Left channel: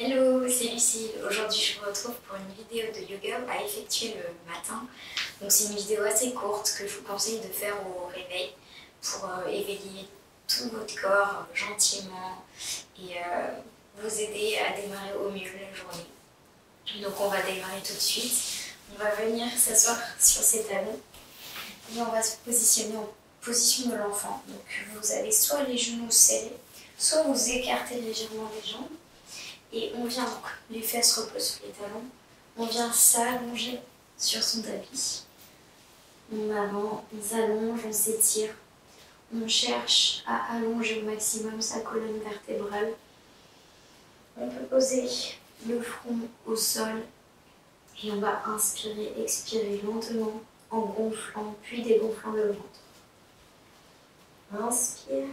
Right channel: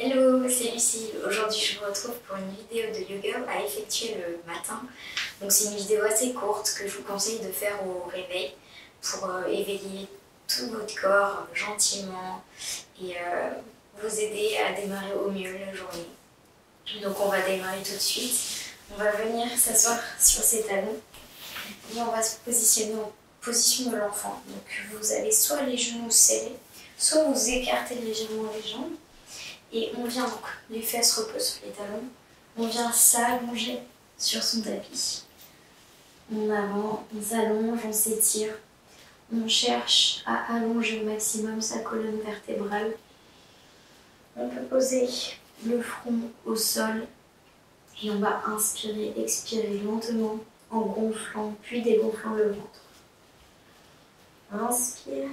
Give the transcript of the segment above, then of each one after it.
Hello, c'est Lucille. Aujourd'hui, je vous retrouve pour une vidéo de yoga à effectuer le matin. Donc c'est une vidéo assez courte que je vous conseille de faire au réveil pour éveiller tout votre corps gentiment et vous aider à démarrer au mieux la journée. Donc on va démarrer tout de suite. On va venir s'asseoir sur ses talons et on va se positionner en position de l'enfant. Donc vous avez soit les genoux serrés, soit vous écartez légèrement les jambes. Et on vient donc, les fesses reposent sur les talons, on vient s'allonger sur son tapis. On avance, on s'allonge, on s'étire. On cherche à allonger au maximum sa colonne vertébrale. On peut poser le front au sol et on va inspirer, expirer lentement en gonflant puis dégonflant le ventre. Inspire.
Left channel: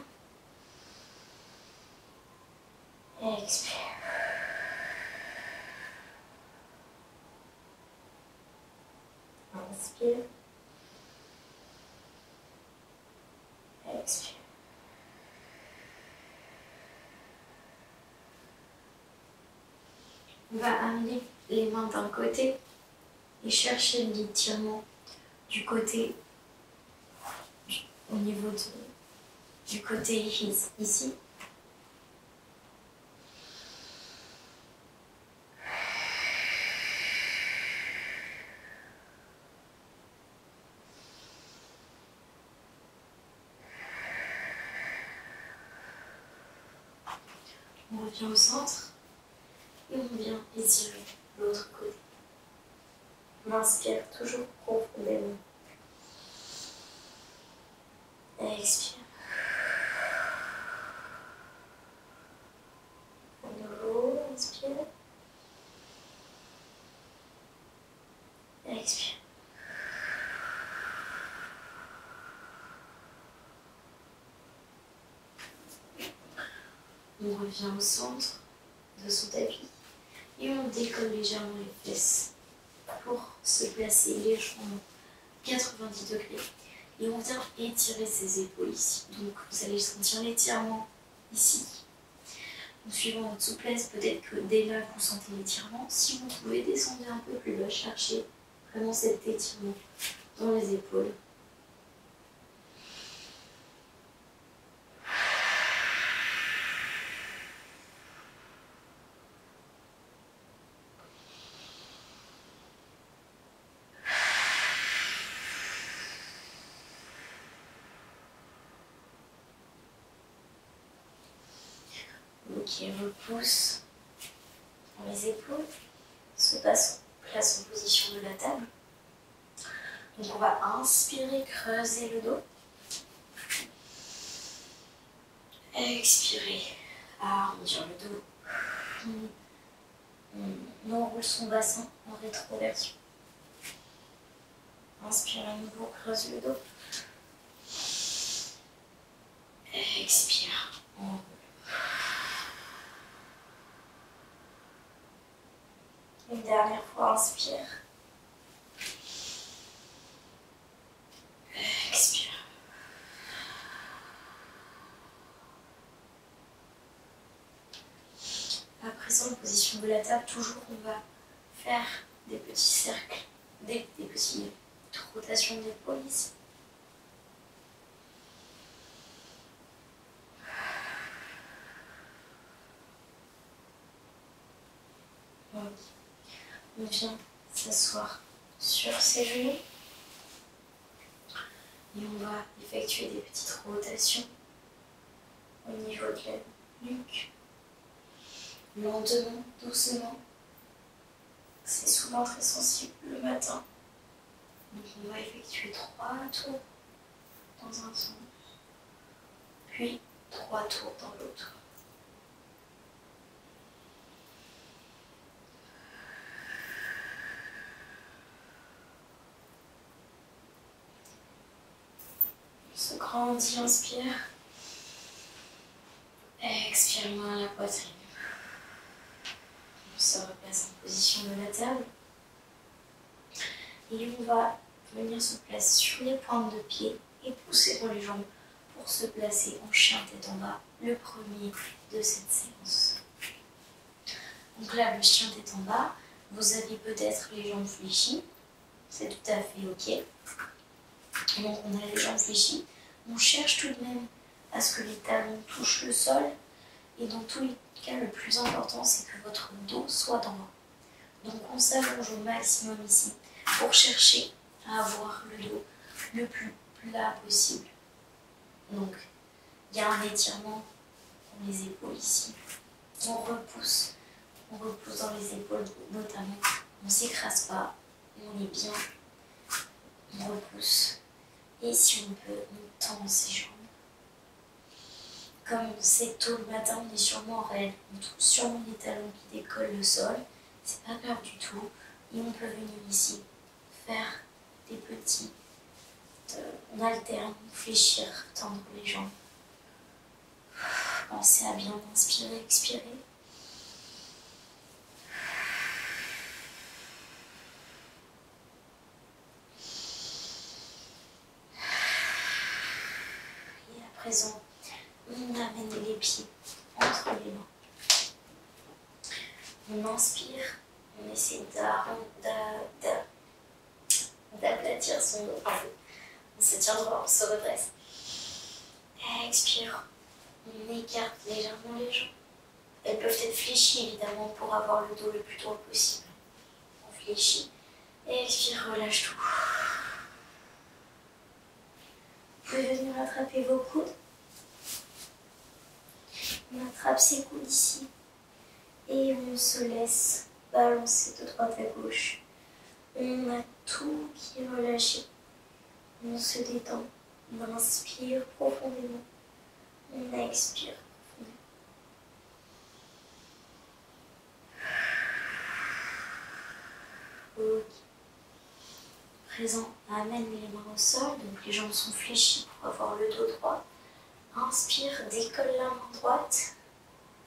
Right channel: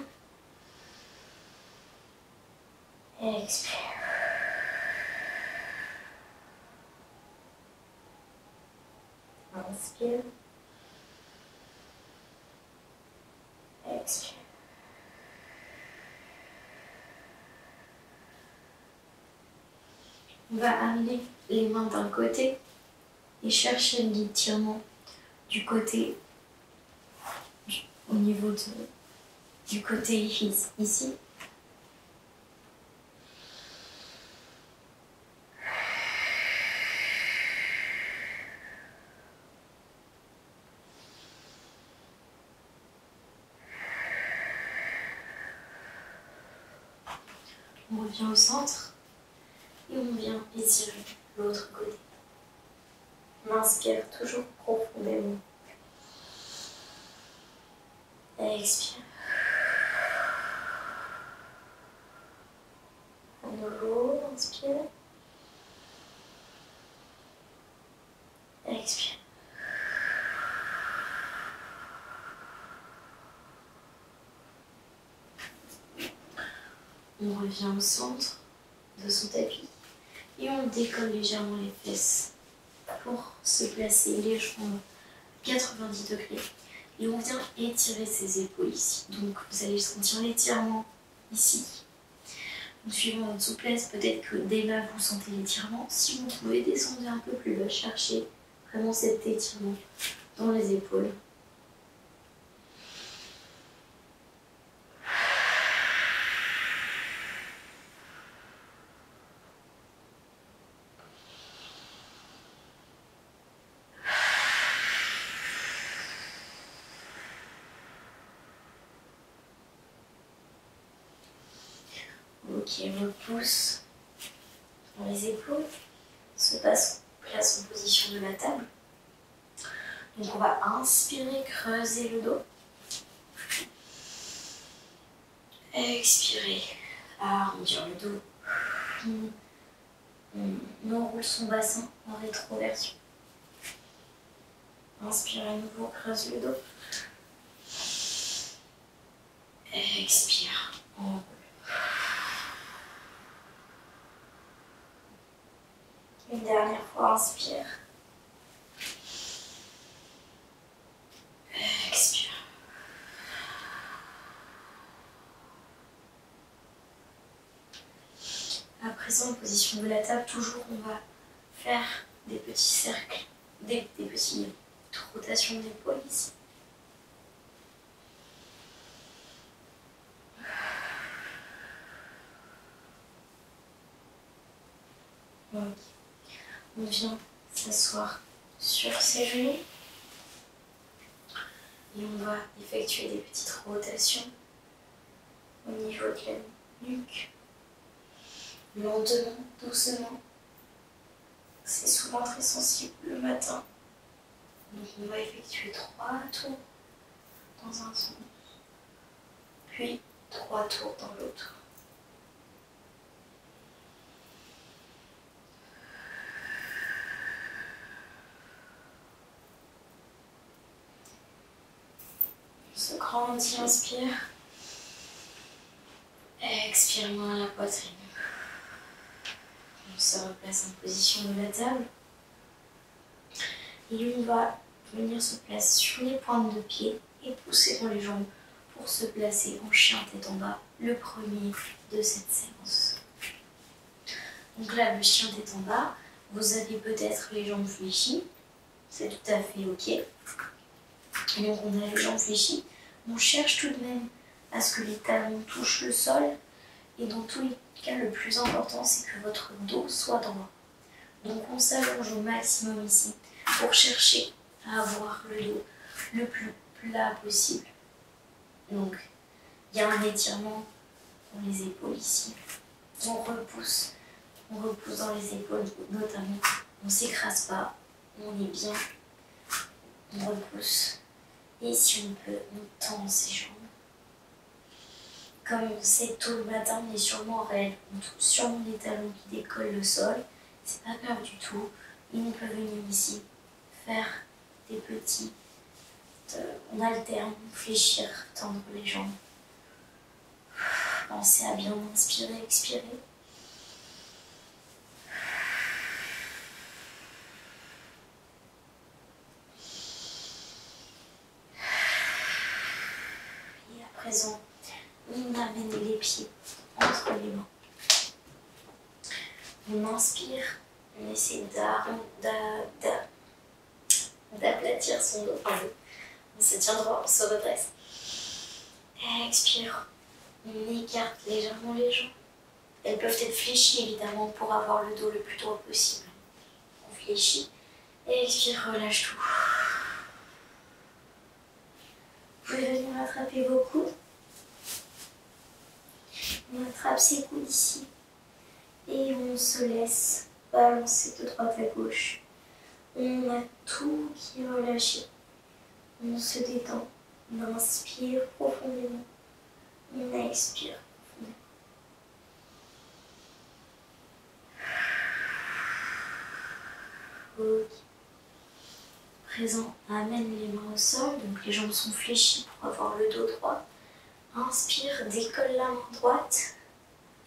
Expire. Inspire. Expire. On va amener les mains d'un côté et chercher l'étirement du côté, au niveau du côté ici. On revient au centre et on vient étirer l'autre côté. On inspire toujours profondément. Expire. À nouveau, inspire. Expire. On revient au centre de son tapis et on décolle légèrement les fesses pour se placer les jambes 90 degrés. Et on vient étirer ses épaules ici. Donc vous allez sentir l'étirement ici. Donc, suivant votre souplesse, peut-être que dès là vous sentez l'étirement. Si vous pouvez descendre un peu plus bas, chercher vraiment cet étirement dans les épaules. Ok, repousse dans les épaules, on se place en position de la table. Donc on va inspirer, creuser le dos. Expirer, arrondir le dos. On enroule son bassin en rétroversion. Inspire à nouveau, creuse le dos. Expire, enroule. Une dernière fois, inspire. Expire. À présent, en position de la table, toujours on va faire des petits cercles, des petites rotations d'épaule ici. Donc, on vient s'asseoir sur ses genoux et on va effectuer des petites rotations au niveau de la nuque, lentement, doucement. C'est souvent très sensible le matin. Donc on va effectuer 3 tours dans un sens, puis 3 tours dans l'autre. On se grandit, inspire. Expire moins la poitrine. On se replace en position de la table. Et on va venir se placer sur les pointes de pied et pousser dans les jambes pour se placer en chien tête en bas, le premier de cette séance. Donc là, le chien tête en bas. Vous avez peut-être les jambes fléchies. C'est tout à fait ok. Donc on a les jambes fléchies. On cherche tout de même à ce que les talons touchent le sol. Et dans tous les cas, le plus important, c'est que votre dos soit droit. Donc on s'allonge au maximum ici pour chercher à avoir le dos le plus plat possible. Donc il y a un étirement dans les épaules ici. On repousse dans les épaules notamment. On ne s'écrase pas, on est bien, on repousse. Et si on peut, on tend ses jambes. Comme c'est tôt le matin, on est sûrement raide, on trouve sûrement des talons qui décollent le sol. C'est pas grave du tout. Et on peut venir ici faire des petits... on alterne, fléchir, tendre les jambes. Pensez à bien inspirer, expirer. Et à présent, on amène les pieds entre les mains. On inspire, on essaie d'aplatir son dos. On se tient droit, on se redresse. Expire, on écarte légèrement les jambes. Elles peuvent être fléchies évidemment pour avoir le dos le plus droit possible. On fléchit. Expire, relâche tout. Vous pouvez venir attraper vos coudes. On attrape ses coudes ici. Et on se laisse balancer de droite à gauche. On a tout qui est relâché. On se détend. On inspire profondément. On expire profondément. Ok. Présent, amène les mains au sol. Donc les jambes sont fléchies pour avoir le dos droit. Inspire, décolle la main droite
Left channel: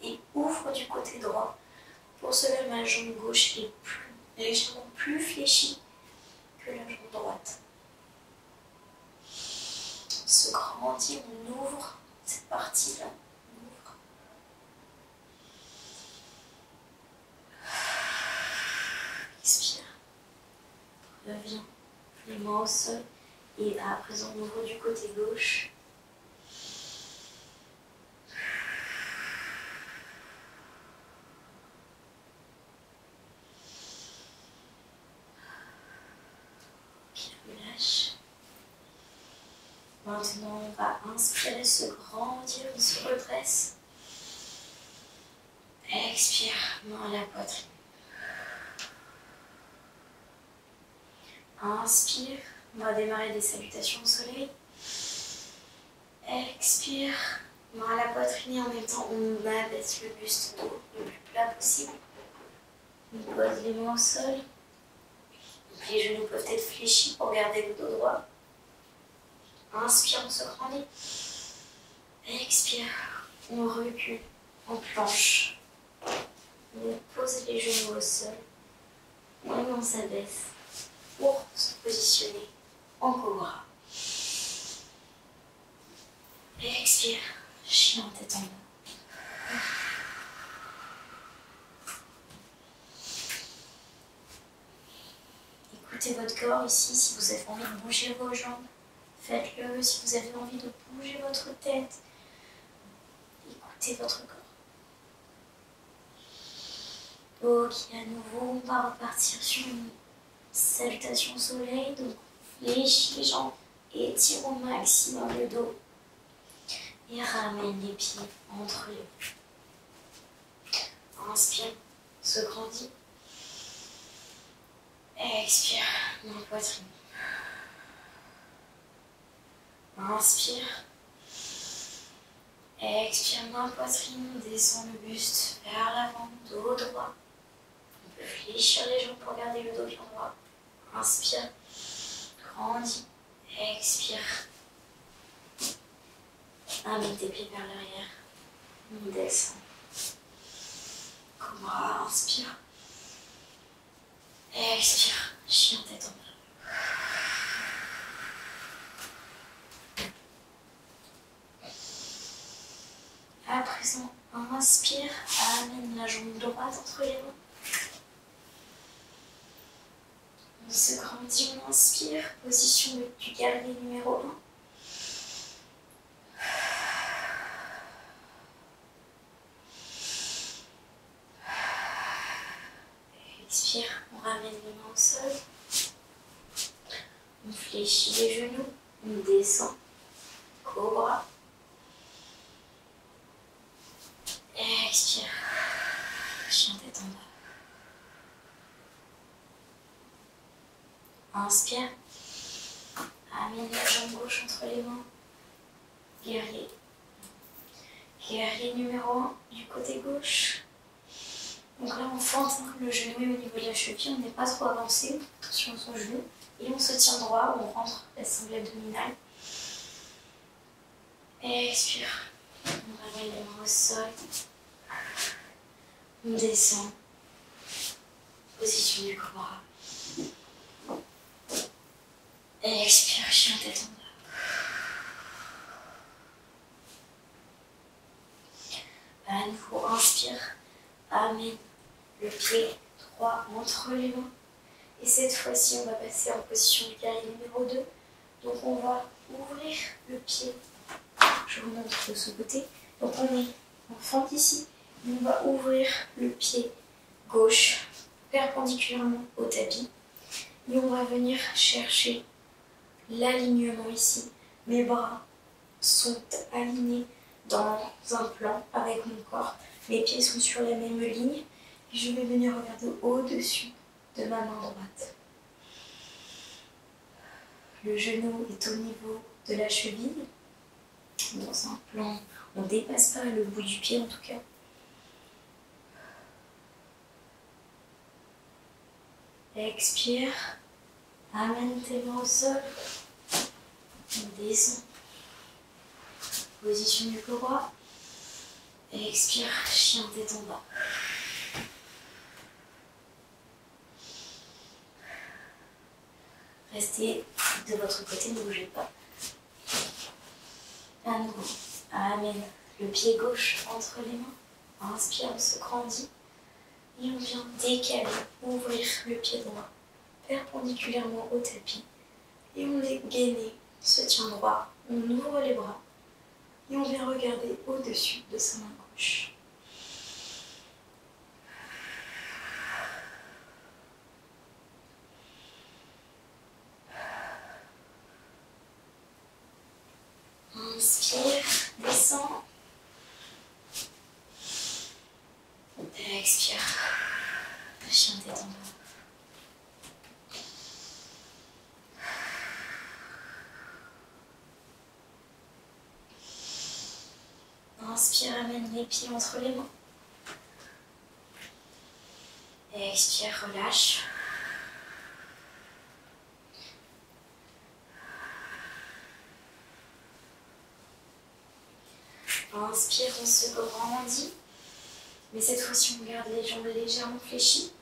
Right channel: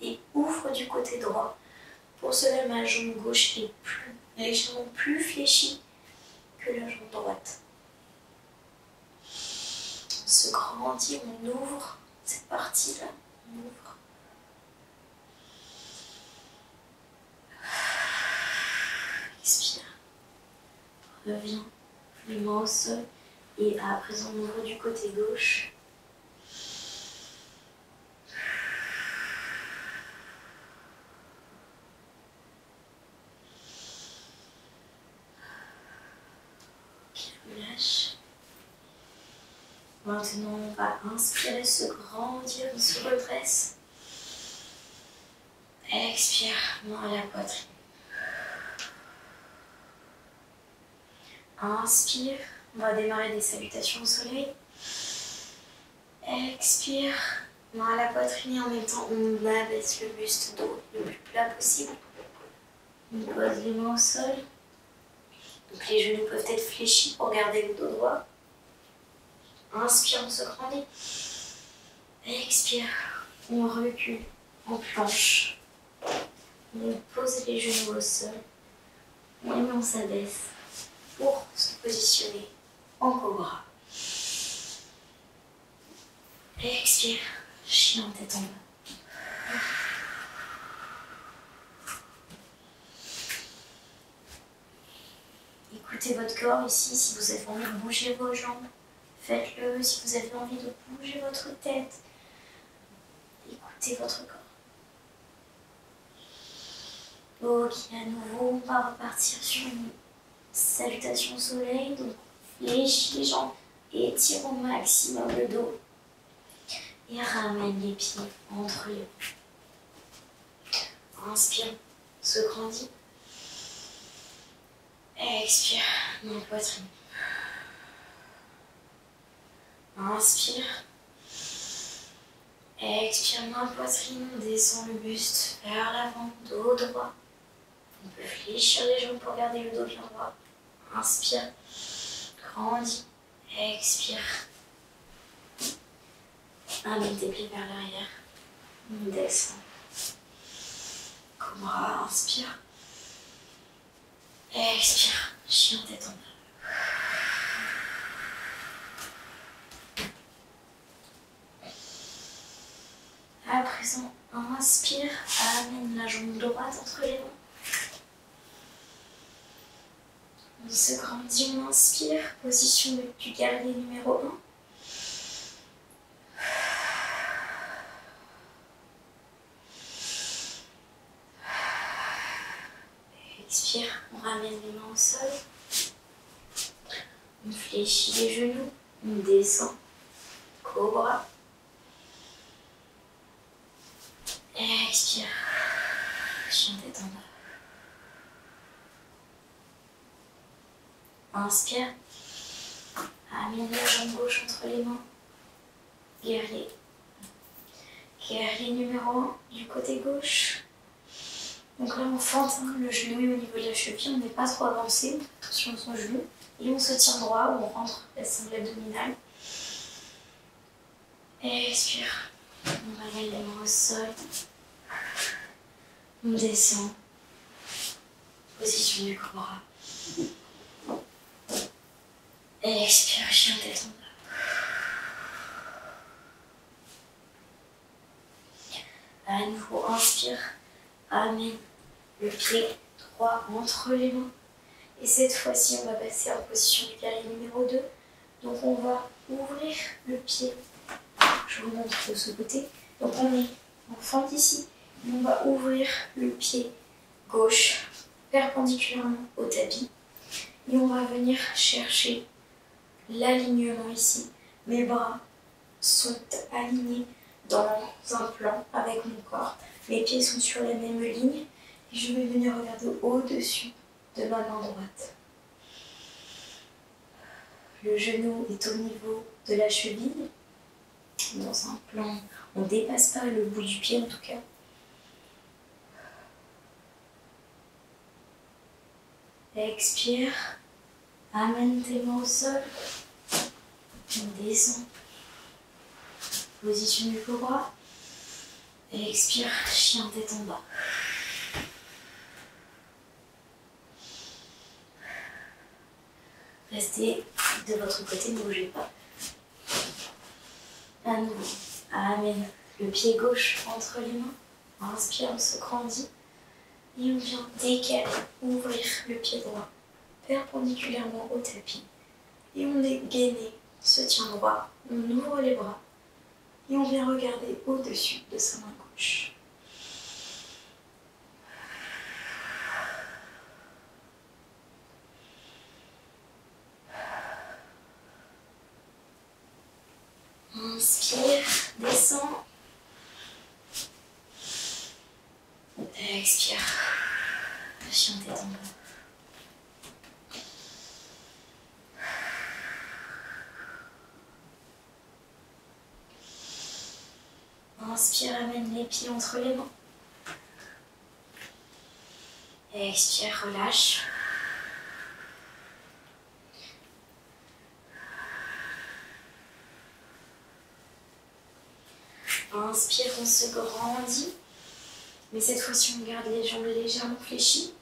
et ouvre du côté droit. Pour cela, ma jambe gauche est légèrement plus fléchie que la jambe droite. On se grandit, on ouvre cette partie-là. On ouvre. Expire. Reviens, les mains au sol. Et à présent, on ouvre du côté gauche. Relâche. Maintenant, on va inspirer, se grandir, on se redresse. Expire, main à la poitrine. Inspire, on va démarrer des salutations au soleil. Expire, main à la poitrine et en même temps, on abaisse le buste dos le plus plat possible. On pose les mains au sol. Donc les genoux peuvent être fléchis pour garder le dos droit. Inspire, on se grandit. Expire, on recule en planche. On pose les genoux au sol. Et on s'abaisse pour se positionner en cobra. Expire, chien tête en bas. Écoutez votre corps ici, si vous avez envie de bouger vos jambes, faites-le. Si vous avez envie de bouger votre tête, écoutez votre corps. Ok, à nouveau, on va repartir sur une salutation au soleil. Donc, fléchis les jambes, étire au maximum le dos et ramène les pieds entre les mains. Inspire, se grandit. Expire, main poitrine. Inspire. Expire, main poitrine, descend le buste vers l'avant, dos droit. On peut fléchir les jambes pour garder le dos bien droit. Inspire, grandis, expire. Amène tes pieds vers l'arrière. On descend. Cobra, inspire. Expire, chien tête en bas. À présent, présent, inspire, amène la jambe droite entre les mains. On se grandit, on inspire, position du guerrier numéro 1. Expire, on ramène les mains au sol. On fléchit les genoux, on descend. Cobra. Expire. Chien tête en bas. Inspire. Amène la jambe gauche entre les mains. Guerrier. Guerrier numéro 1 du côté gauche. Donc là on fente le genou au niveau de la cheville, on n'est pas trop avancé, attention à son genou. Et on se tient droit, on rentre la sangle abdominale. Expire. On ramène les mains au sol. On descend. Position du cobra. Expire, chien tête en bas. À nouveau, inspire. Amène le pied droit entre les mains. Et cette fois-ci, on va passer en position du guerrier numéro 2. Donc on va ouvrir le pied. Je vous montre de ce côté. Donc on fente ici. Et on va ouvrir le pied gauche perpendiculairement au tapis. Et on va venir chercher l'alignement ici. Mes bras sont alignés dans un plan avec mon corps. Mes pieds sont sur la même ligne. Et je vais venir regarder au-dessus de ma main droite. Le genou est au niveau de la cheville. Dans un plan, on ne dépasse pas le bout du pied en tout cas. Expire. Amène tes mains au sol. On descend. Position du cobra. Expire, chien tête en bas. Restez de votre côté, ne bougez pas. À nouveau, amène le pied gauche entre les mains. Inspire, on se grandit. Et on vient décaler, ouvrir le pied droit perpendiculairement au tapis. Et on est gainé, on se tient droit, on ouvre les bras. Et on vient regarder au-dessus de sa main gauche. Inspire, descend. Expire. Chien tête en bas. Inspire, amène les pieds entre les mains. Expire, relâche. Inspire, on se grandit. Mais cette fois-ci, on garde les jambes légèrement fléchies.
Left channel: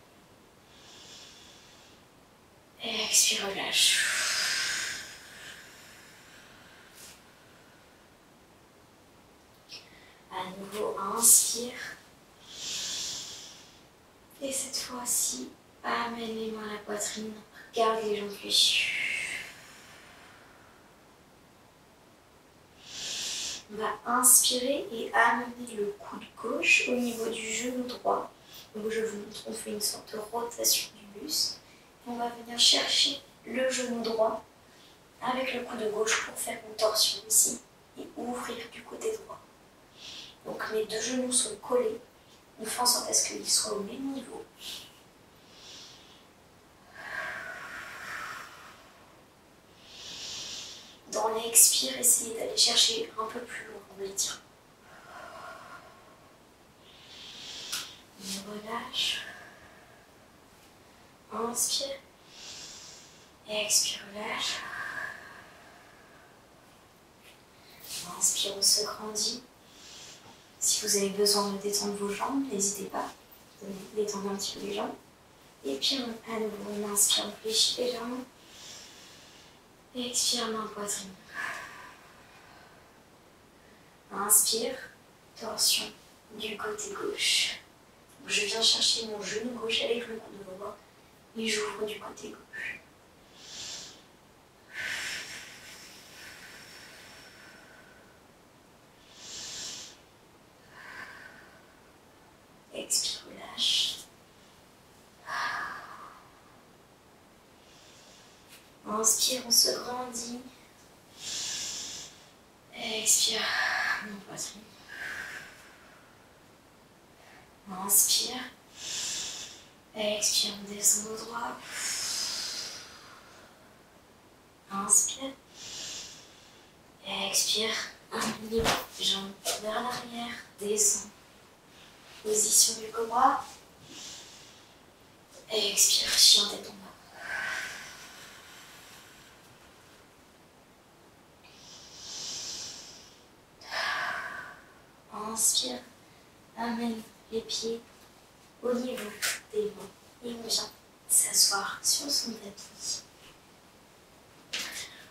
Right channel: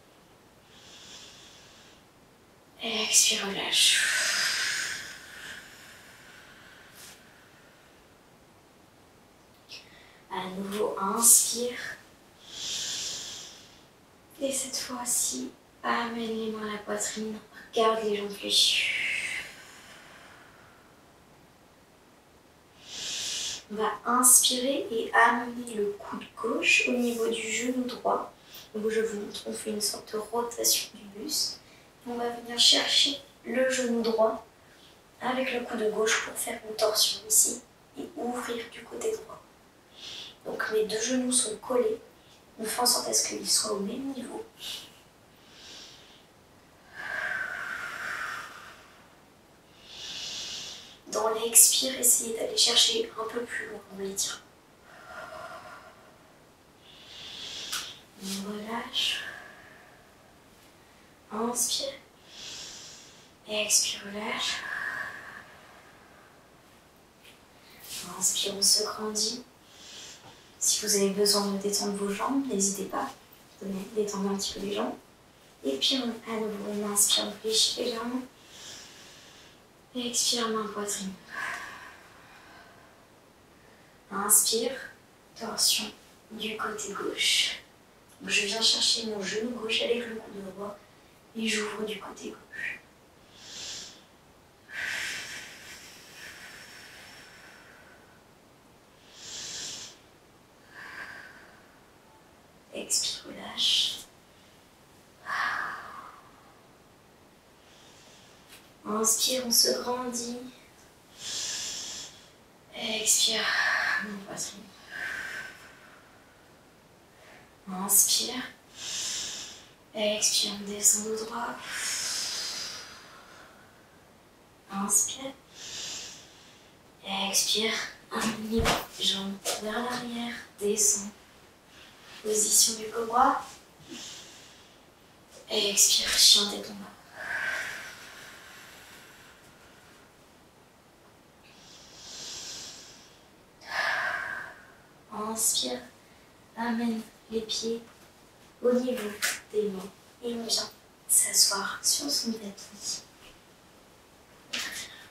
Expire, relâche. À nouveau, inspire. Et cette fois-ci, amène les mains à la poitrine. Garde les jambes fléchies. On va inspirer et amener le coude gauche au niveau du genou droit. Donc je vous montre, on fait une sorte de rotation du buste. On va venir chercher le genou droit avec le coude gauche pour faire une torsion ici et ouvrir du côté droit. Donc mes deux genoux sont collés. On fait en sorte à ce qu'ils soient au même niveau. Dans l'expire, essayez d'aller chercher un peu plus loin dans l'étirement. On relâche. Inspire. Expire, relâche. Inspire, on se grandit. Si vous avez besoin de détendre vos jambes, n'hésitez pas. Détendez un petit peu les jambes. Et puis à nouveau, on inspire, on fléchit légèrement. Expire, main poitrine. Inspire. Torsion du côté gauche. Je viens chercher mon genou gauche avec le coude droit et j'ouvre du côté gauche. Expire, relâche. Inspire, on se grandit. Expire, mon poitrine. Inspire. Expire, on descend au droit. Inspire. Expire. Aligné, jambes vers l'arrière. Descend. Position du cobra. Expire, chien tête en bas. Inspire, amène les pieds au niveau des mains et on vient s'asseoir sur son tapis.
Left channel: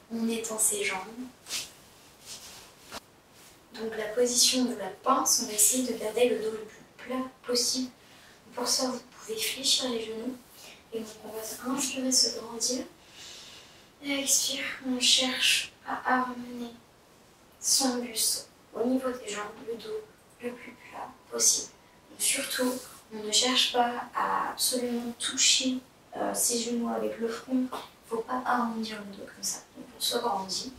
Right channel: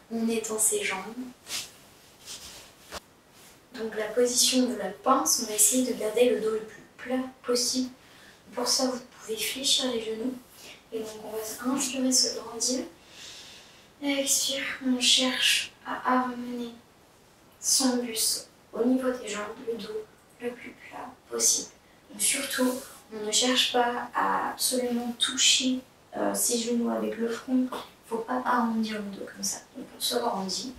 On étend ses jambes. Donc la position de la pince, on va essayer de garder le dos le plus plat possible. Pour ça, vous pouvez fléchir les genoux. Et donc on va inspirer, se grandir. Expire, on cherche à amener son buste au niveau des jambes, le dos le plus plat possible. Donc surtout, on ne cherche pas à absolument toucher ses genoux avec le front. Il ne faut pas arrondir le dos comme ça. Donc on se grandit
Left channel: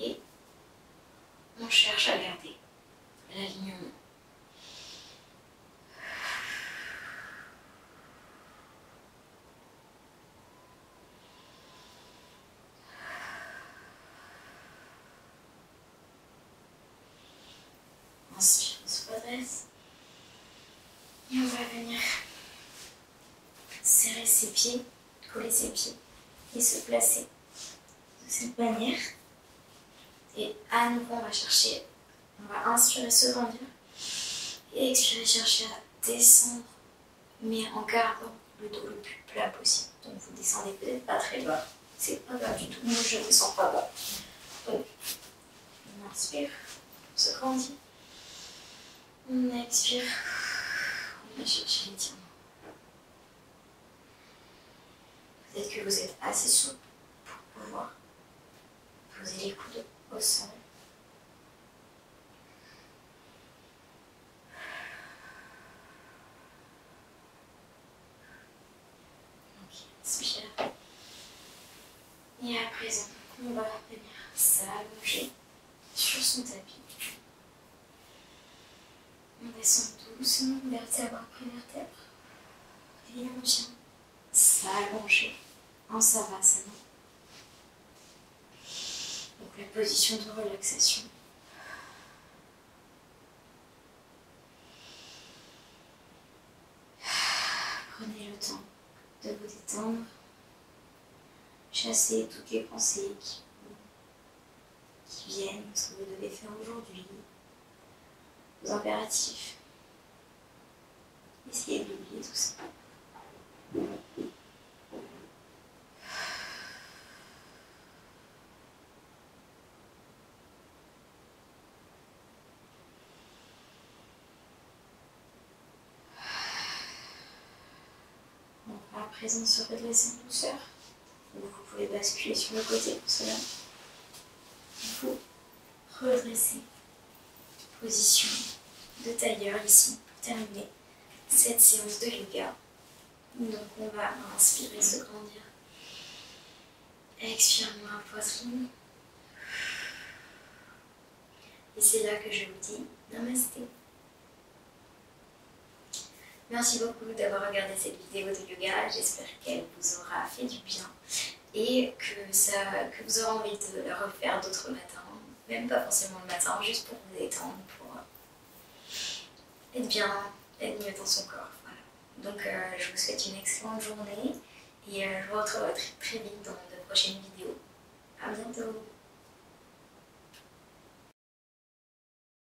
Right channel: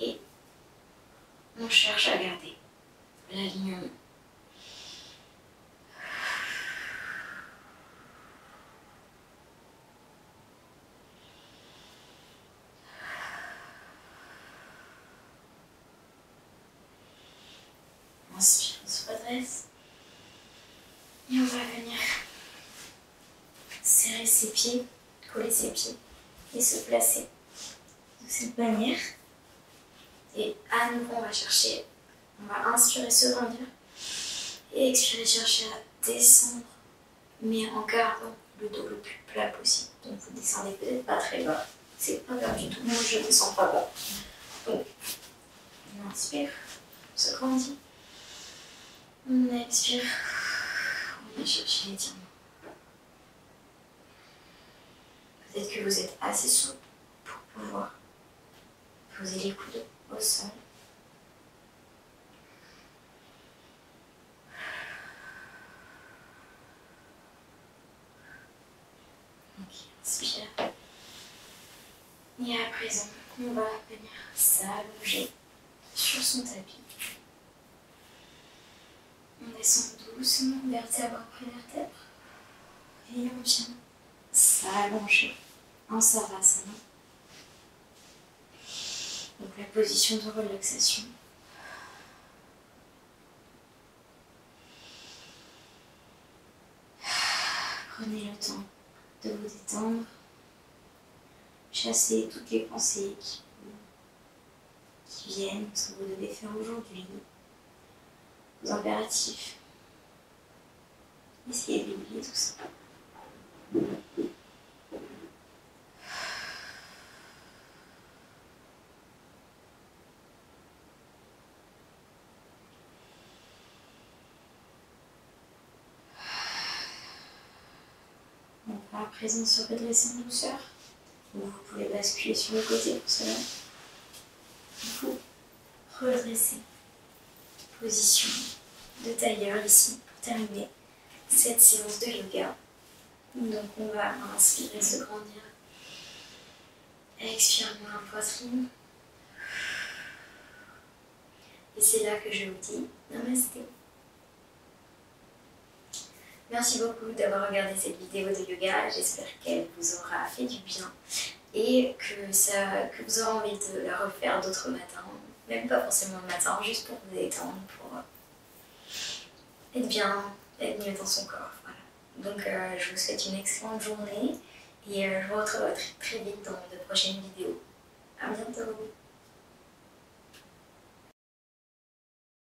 et on cherche à garder l'alignement. Inspire, on se redresse. Et on va venir serrer ses pieds, coller ses pieds et se placer de cette manière. Et à nouveau, on va chercher, on va inspirer, se grandir et expirer, chercher à descendre, mais en gardant le dos le plus plat possible. Donc vous descendez peut-être pas très bas, c'est pas grave du tout. Moi je descends pas bas. Donc on inspire, on se grandit, on expire, on va chercher l'étirement. Peut-être que vous êtes assez souple pour pouvoir poser les coudes au sol. Ok, inspire. Et à présent, on va venir s'allonger sur son tapis. On descend doucement, vertèbre après vertèbre. Et on vient s'allonger en Savasana. Donc la position de relaxation. Prenez le temps de vous détendre. Chassez toutes les pensées qui viennent, ce que vous devez faire aujourd'hui, vos impératifs. Essayez d'oublier tout ça. On va à présent se redresser en douceur. Vous pouvez basculer sur le côté pour cela. Vous redressez. Position de tailleur ici pour terminer cette séance de yoga. Donc on va inspirer, se grandir. Expire moins la poitrine. Et c'est là que je vous dis namasté. Merci beaucoup d'avoir regardé cette vidéo de yoga. J'espère qu'elle vous aura fait du bien et que vous aurez envie de la refaire d'autres matins, même pas forcément le matin, juste pour vous détendre, pour être bien, être mieux dans son corps. Voilà. Donc je vous souhaite une excellente journée et je vous retrouverai très vite dans de prochaines vidéos. À bientôt!